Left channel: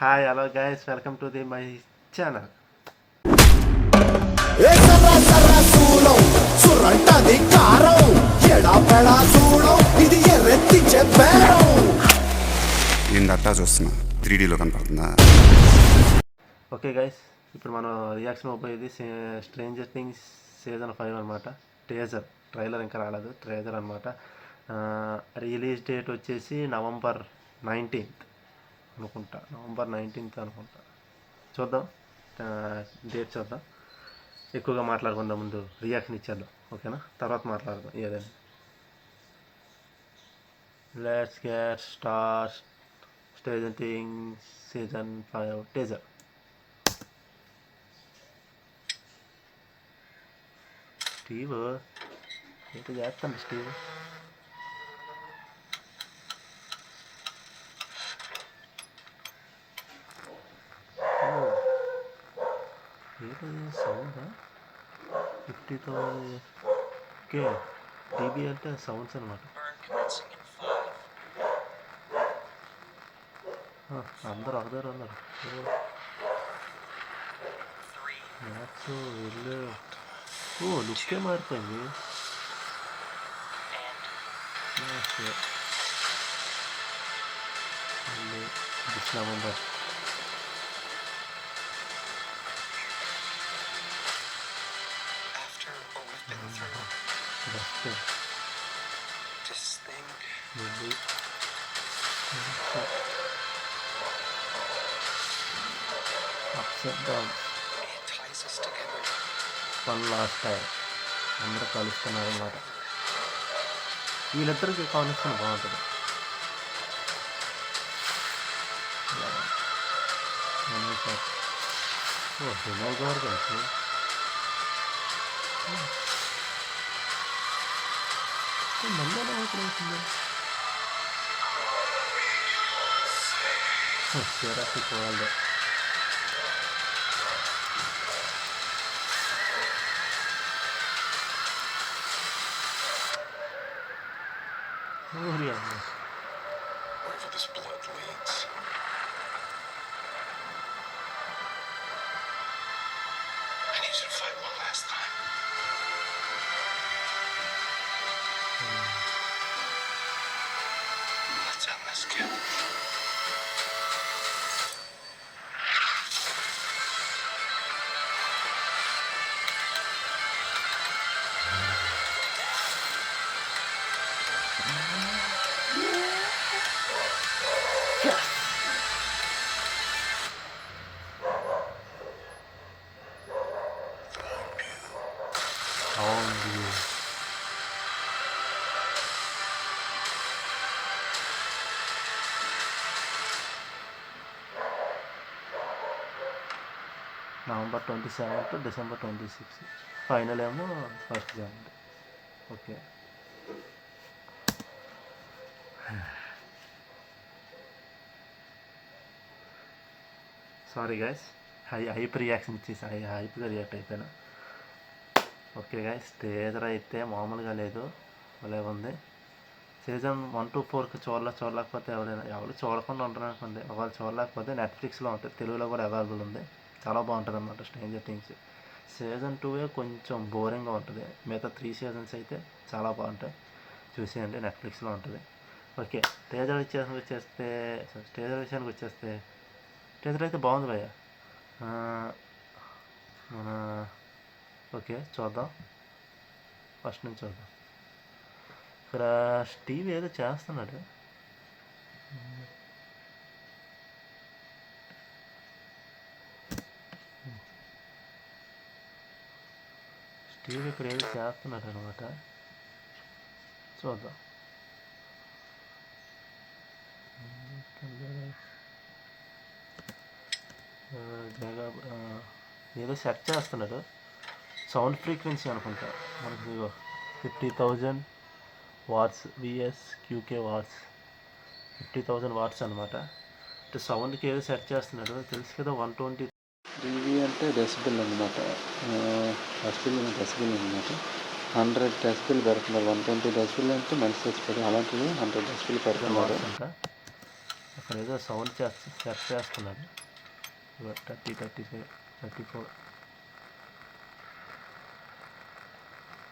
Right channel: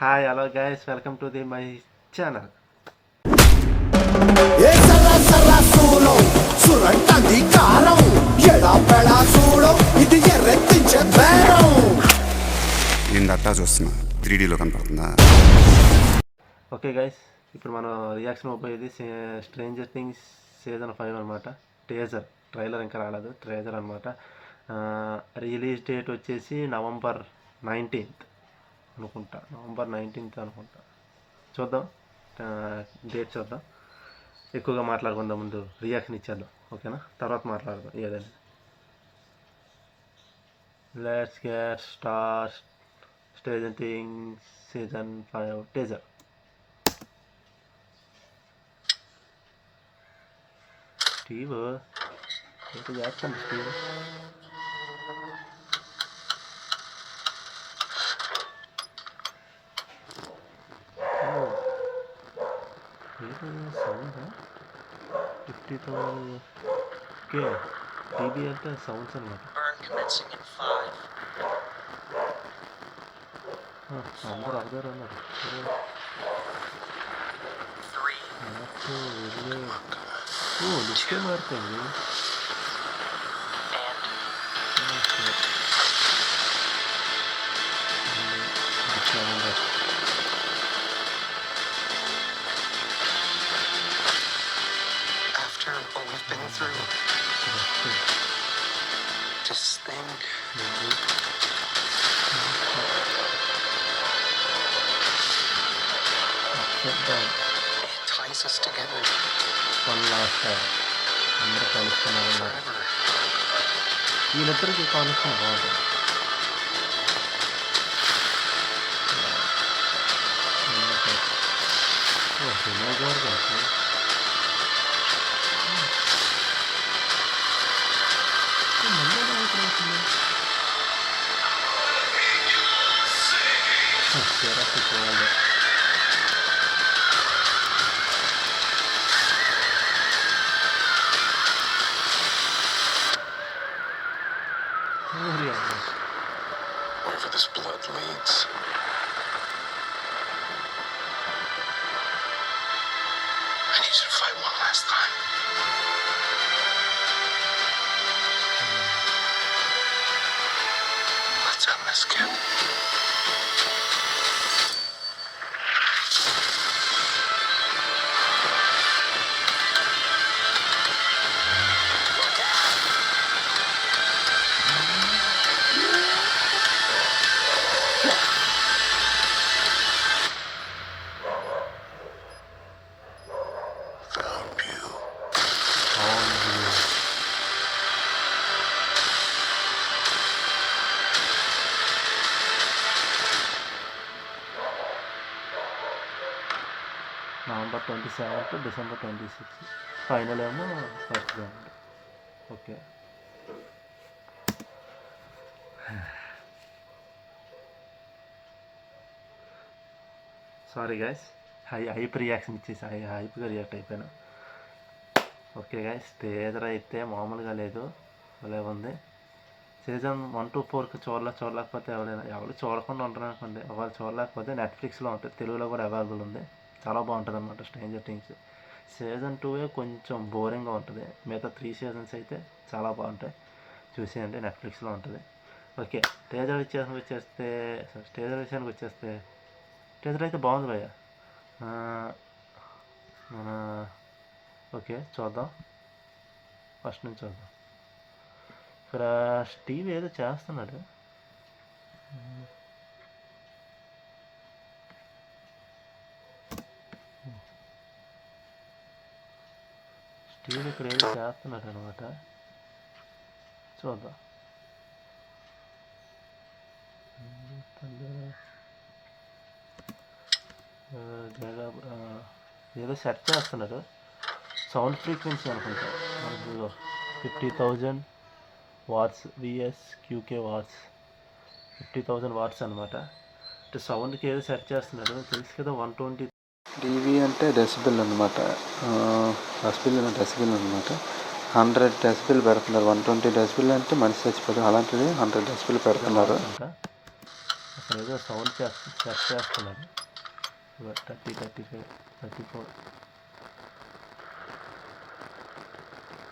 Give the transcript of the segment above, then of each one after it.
Hi hello guys, welcome to my channel. ఏందట్టా చూస్తున్నా 3Dలో కనపడుతుందా? ఓకే గైస్, ఇప్పుడు మనం రియాక్షన్ అయిపోయేది స్ట్రేంజర్ థింగ్స్ సీజన్ 5 అనమాట. ట్రైలర్ ఇంకా రాలేదు, ట్రేజర్ అనమాట. రిలీజ్ డేట్ వచ్చేసి నవంబర్ 19th అనుకుంటా. అనుకుంటా. చూద్దాం, డేట్ చూద్దాం. ఎక్కువగా మాట్లాడుకుందాం, ముందు రియాక్షన్ ఇచ్చేద్దాం. ఓకేనా, తర్వాత మాట్లాడదాం ఏదైనా. Let's get start. Stranger things season 5 teaser. Steve ఏంటి చేస్తాను స్టీవ్? ఏంటది సౌండ్? 50,000 ఓకే. టీబీ అంటే సౌండ్స్ అనమాట. అందరూ ఒక దగ్గర ఉన్నారు. వెళ్ళు. లుక్కే మారుతుంది. Just think. It ties us together one last time అందరూ కలుస్తున్నారు అన్నమాట. forever. వీళ్ళిద్దరికి కానిస్టేషన్ బాగుంటుంది. హిమో గారు కాదు, మళ్ళీ ఎలా అవుతుంది? జరాసిక్ world. Wherever this blood leads. I need you to fight one last time. Let's end this, kid. Found you. అవును, నవంబర్ 27 డిసెంబర్ 26. ఫైనల్ ఏమో 1st January. Okay. Sorry guys, hype reaction ఇచ్చేసి హైప్గా రియాక్ట్ అయిపోయినా. ఓకే గైస్, టీజర్ అయితే మామూలుగా లేదు, భలే ఉంది. Season 1 to 4 చూడలేకపోతే ఎవరు చూడకుండా ఉంటారు అనుకోండి. ఒకవేళ చూడలేకపోతే నెట్ఫ్లిక్స్లో ఉంటుంది, తెలుగులో కూడా అవైలబుల్ ఉంది. చాలా బాగుంటుంది అన్నమాట స్ట్రేంజర్ థింగ్స్. సీజన్ 2 కొంచెం బోరింగ్గా ఉంటుంది, మిగతా 3 seasons అయితే చాలా బాగుంటాయి. చూసేయండి, నెట్ఫ్లిక్స్లో ఉంటుంది. ఓకే, టీజర్ విషయానికి వచ్చేస్తే టీజర్ అయితే బాగుంది భయ్య. మన ఓకే చూద్దాం, ఫస్ట్ నుంచి చూద్దాం. ఇక్కడ స్టీవ్ ఏదో చేస్తున్నాడు. స్టీవ్ ఇక్కడ ఏదో చేస్తున్నాడు అనమాట, చూద్దాం. ఏదో సెర్చ్ చేస్తున్నాడు, సౌండ్ ఫ్రీక్వెన్సీ అనుకుంటా. మనకు 50,000 వాట్స్ విఎస్ క్యూకే వాట్స్, 50,000 వాట్స్ అనమాట. అంటే సౌండ్కి ఏదో సెర్చ్ చేస్తున్నాడు, తెలుసు కదా. 120 dB అంటే డెసిబెల్ అనమాట. డెసిబెల్ అనమాట. 100 డెసిబెల్ పెడుతున్నారు. 120 డెసిబెల్ అంటే మనిషి చచ్చిపోతాడు, అలాంటిది 100 డెసిబెల్ పెడుతున్నారు అంట. అక్కడ ఏదో సౌండ్ సెట్ చేస్తున్నారు. 30, 35, 34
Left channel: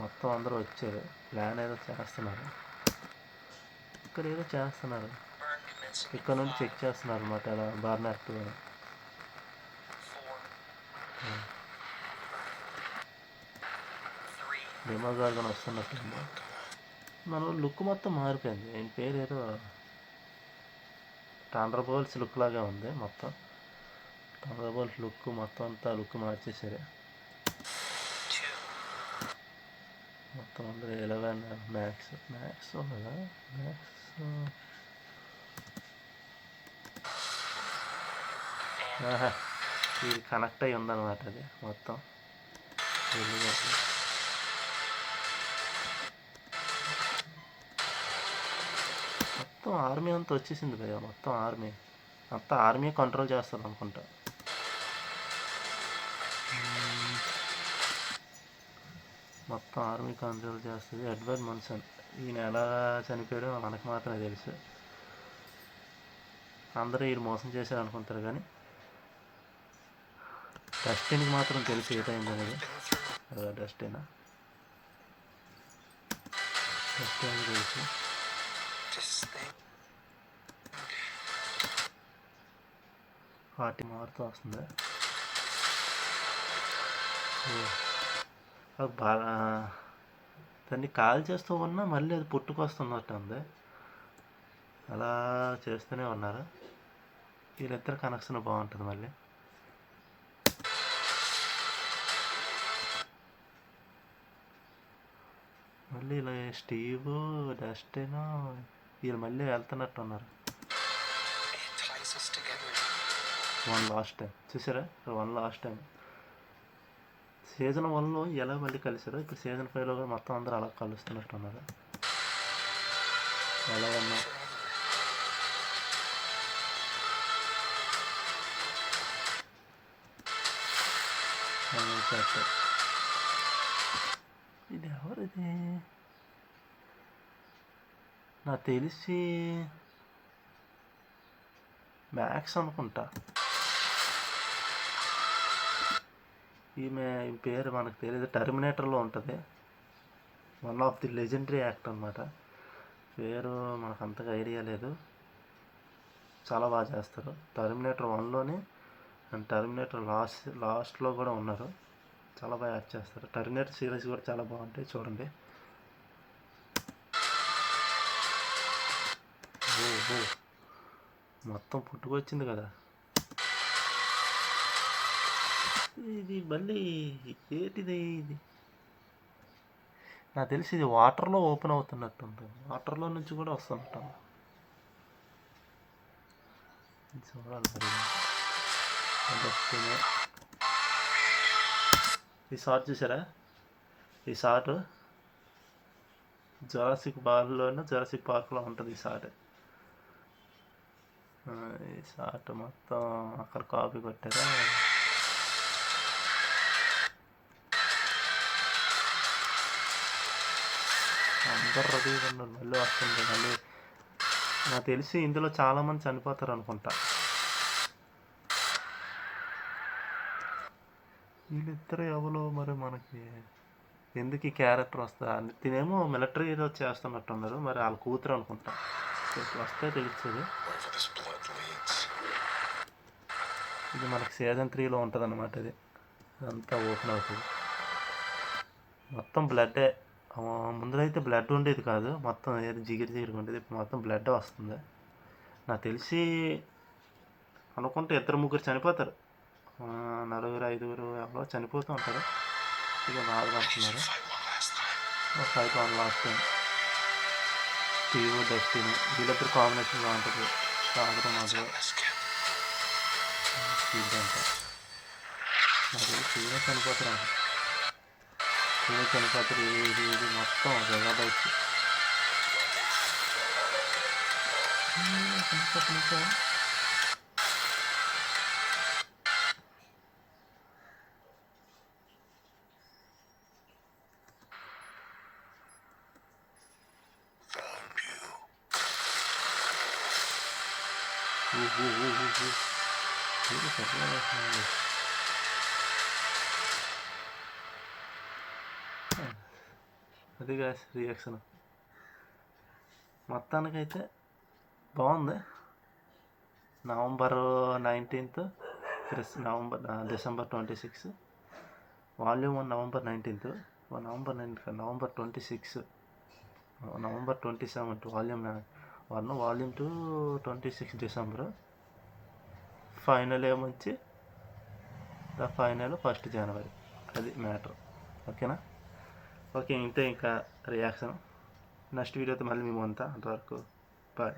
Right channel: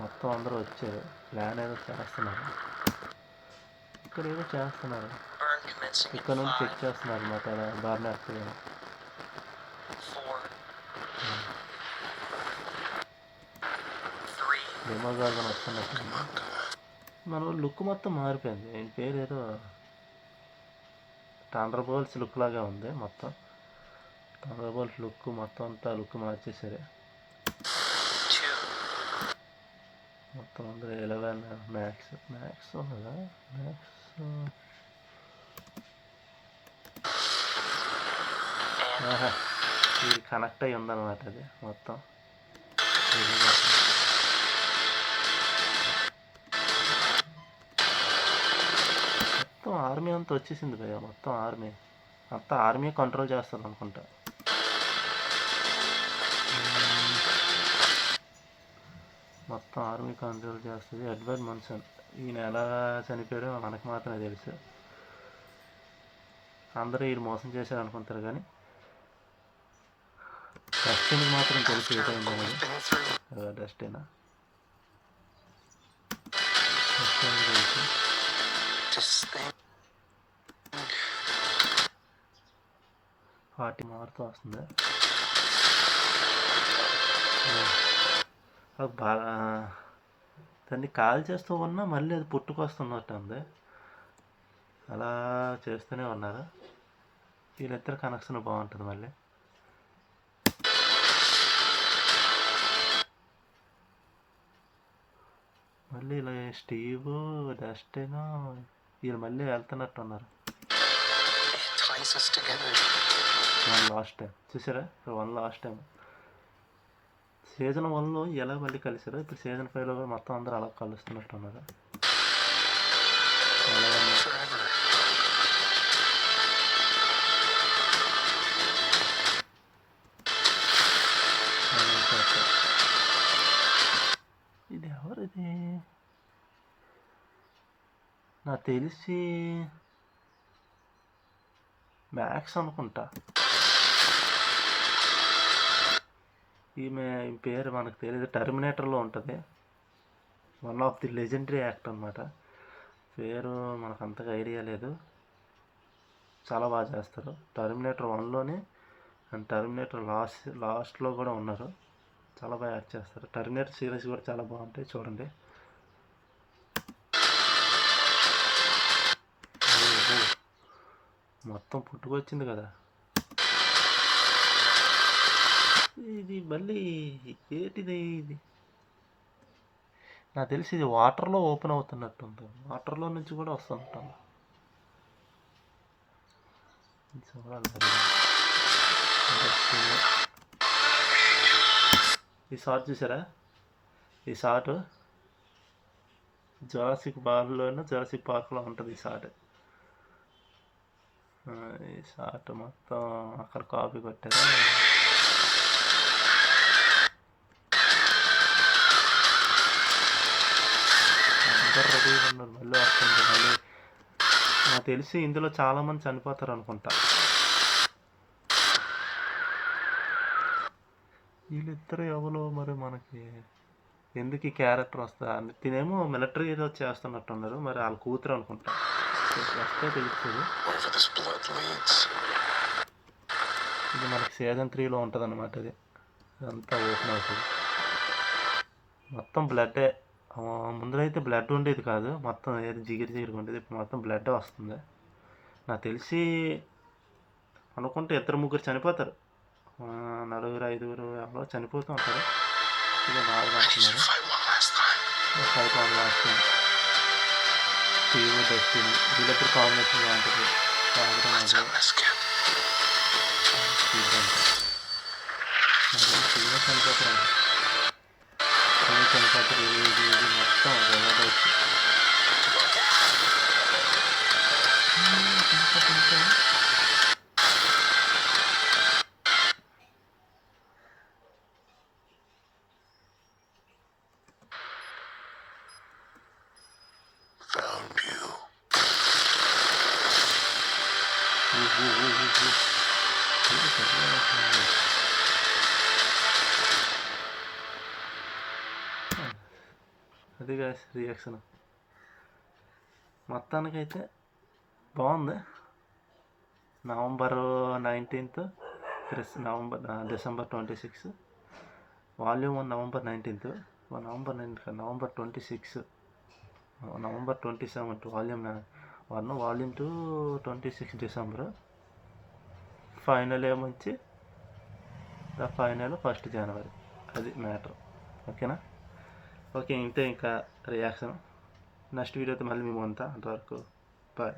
మొత్తం అందరూ వచ్చారు. ప్లాన్ ఏదో చేస్తున్నారు. ఇక్కడ ఏదో చేస్తున్నారు. ఇక్కడ నుండి చెక్ చేస్తున్నారు అన్నమాట. అలా బార్న్ యాక్టివ్ డెమో గార్గన్ వస్తున్నట్టుంది. మన లుక్ మొత్తం మారిపోయింది. ఆయన పేరు ఏదో థండర్బోల్ట్స్ లుక్ లాగా ఉంది. మొత్తం థండర్బోల్ట్ లుక్ మొత్తం అంతా లుక్ మార్చేసారు. మొత్తం అందరూ 11 మ్యాక్స్ ఉన్నదా? మ్యాక్స్ ఇది కనెక్ట్ అయ్యి ఉందన్నమాట. అది మొత్తం ఆర్మీ అంతా వచ్చేసింది భయ్య. మొత్తం ఆర్మీ కంట్రోల్ చేస్తుంది అనుకుంటా. మొత్తం ఆర్మీ కంట్రోల్ చేస్తుంది. ఎడ్వర్డ్ మన్సన్ ఈయన ఎలా చనిపోయాడో మనకు మాత్రమే తెలుసు. అందరూ ఈయన మోసం చేశారు అనుకుంటారు, కానీ డస్టిన్కి మాత్రం తెలుసు ఏదైంది అనేది. డస్టిన్ తెలుసు. పార్టీ మారుతూ వస్తుంది. బాగా దాన్ని కాల్ చేస్తూ ఉన్నా మళ్ళీ అది పుట్టుకొస్తున్నట్టు ఉంది. అలా చేస్తూనే ఉన్నారు. వీళ్ళిద్దరు కనెక్షన్ బాగుంటుంది. మళ్ళీ ఇలా స్టీవ్, డస్టిన్ వీళ్ళు మళ్ళీ వెళ్తున్నట్టు ఉన్నారు. వన్ లాస్ట్ టైం చూసారా? వన్ లాస్ట్ టైం సీజన్ 1లో ఎలా మళ్ళీ కలిసారో ఇప్పుడు సీజన్ 5లో కూడా మొత్తం అందరూ అలా కలుస్తున్నట్టు ఉన్నారు. అలాగన్నా ఇది ఎవరిది? నాకు తెలిసి మ్యాక్స్ అనుకుంటా. ఈమె పేరు మనకు తెలియదు. టర్మినేటర్లో ఉంటుంది. One of the legendary actor అనమాట. పేరు మనకు అంతగా ఐడియా లేదు. చాలా బాగా చేస్తారు. టర్మినేటర్ 1లోనే అండ్ టర్మినేటర్ లాస్ట్లో కూడా ఉన్నారు. చాలా బాగా యాక్ట్ చేస్తారు. టర్మినేటర్ సిరీస్ కూడా చాలా బాగుంటాయి, చూడండి. మొత్తం పుట్టుకొచ్చింది కదా ఇది. మళ్ళీ ఏంటిది ఇది? నాకు తెలిసి ఇది వాటర్లో ఓపెన్ అవుతున్నట్టుంది. వాటర్లో నుంచి కూడా వస్తున్నట్టు చూడాలి. ఈ షార్ట్ చూసారా? ఈ షార్ట్ జురాసిక్ పార్క్లో ఉంటుంది. ఈ షార్ట్ మొత్తం అక్కడ కాపీ కొట్టారా? అందరు రెడీగా ఉన్నారు. మళ్ళీ వస్తుంది. మళ్ళీ నాకు తెలిసి ఇందులో చాలామంది చనిపోతారు అనుకుంటా. వీళ్ళిద్దరు ఎవరో మరి మనకి ఎందుకు ఈ క్యారెక్టర్ వస్తా? తినేమో మిలిటరీలో చేస్తున్నట్టున్నారు. మరి వాళ్ళ కూతురు అనుకుంటా. వస్తే తెలుస్తుంది. ఇది మనకి సీజన్ 3లో ఉంటుంది అన్నమాట. ఇది అంతా ఓపెన్ అవుతుంది. మొత్తం బ్లడ్డే. ముందర అయితే బ్లడ్ ఉండేది కాదు. మొత్తం ఏది జిగిరిగా ఉండేది. ఇప్పుడు మొత్తం బ్లడ్ వస్తుంది. నాకు తెలిసి అనుకుంటే 2-3 చనిపోతారు. 4-5 ఎవరో చనిపోతూ ఉంటారు. ఇక బాధపడుతున్నారు. Fight one last time Steve, Dustin వీళ్ళిద్దరు కాంబినేషన్ బాగుంటుంది. సాగరం అది స్టీవ్ చనిపోతారు. ఇది మొత్తం జగడొచ్చు. అది రియాక్షన్ మొత్తానికైతే బాగుంది. November 19th December 26, volume 1 November 19th, November 26, November 27 volume 1, volume 2 26 December, final ఏమొచ్చి ద ఫైనల్ 1 జనవరి. అది మ్యాటర్. ఓకేనా? ఓకే, ఇంతే ఇంకా రియాక్షన్. నెక్స్ట్ వీడియోతో మళ్ళీ మేము అంతా అంతవరకు బాయ్.